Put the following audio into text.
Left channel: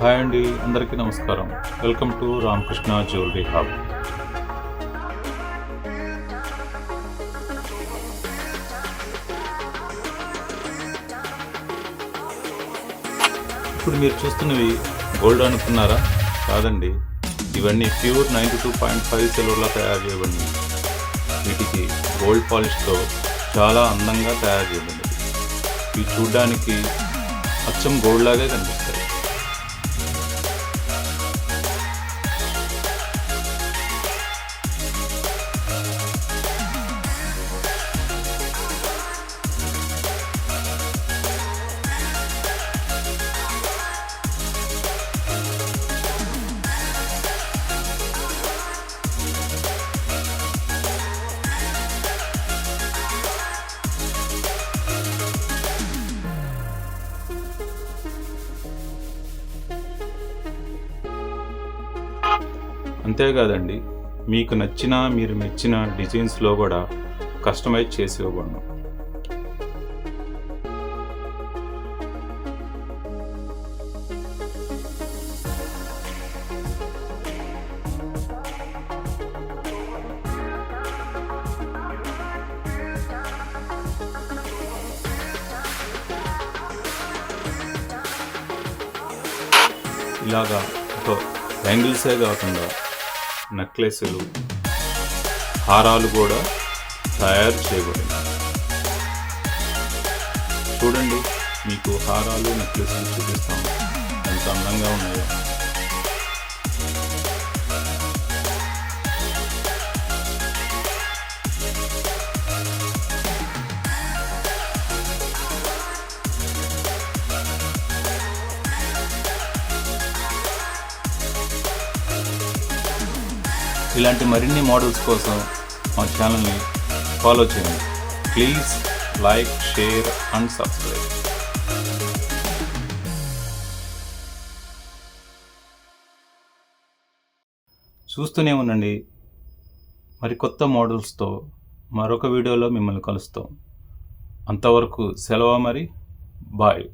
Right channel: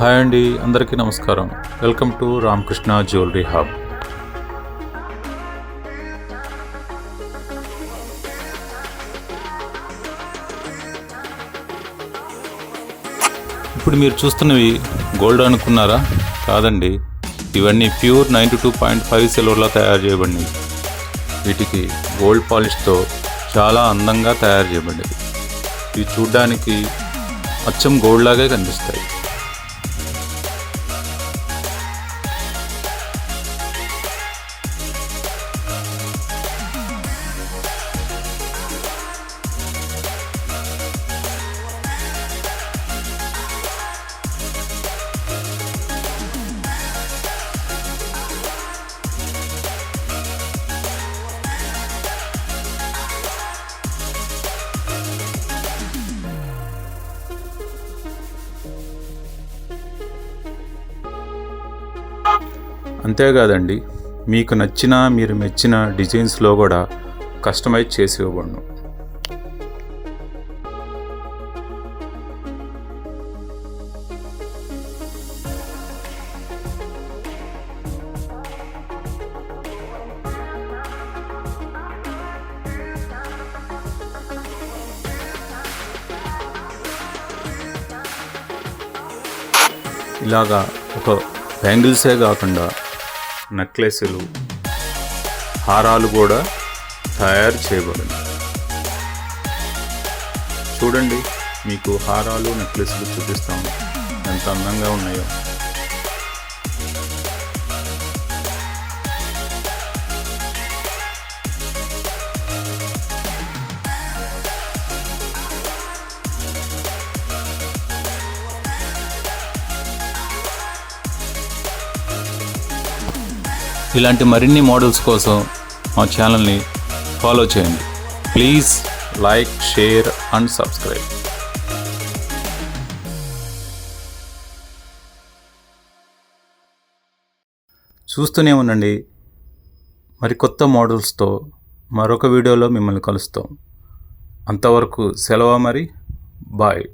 Hi అండి, అందరికీ నమస్కారం. Welcome to Ramakrishna jewellery hub. ఇప్పుడు మీరు చూస్తున్నవి గోల్డ్ అనుకున్నారా? కాదండి, ఇవన్నీ ప్యూర్ 92.5 సిల్వర్లో తయారు చేయబడినవి. వీటికి గోల్డ్ పాలిష్తో చాలా అందంగా తయారు చేయబడింది. ఇవి చూడ్డానికి అచ్చం గోల్డ్ లాగే కనిపిస్తాయి. అంతేకాదండి, మీకు నచ్చిన మీరు మెచ్చిన డిజైన్స్లో కూడా కస్టమైజ్ చేసి ఇవ్వబడును. ఇలాగా ఒక బ్యాంగిల్సే కాకుండా నెక్లెస్లు, హారాలు కూడా తయారు చేయబడింది. చూడండి, మీకు హారాలు నెక్లెస్లు చూపిస్తాము ఎంత అందంగా ఉన్నాయో. ఇలాంటి మరిన్ని మోడల్స్ కోసం మా ఛానల్ని ఫాలో చేయండి. Please like, share and subscribe. చూస్తూనే ఉండండి. మరి కొత్త మోడల్స్తో మరొక వీడియోలో మిమ్మల్ని కలుస్తాం. అంతవరకు సెలవు. మరి బాయ్.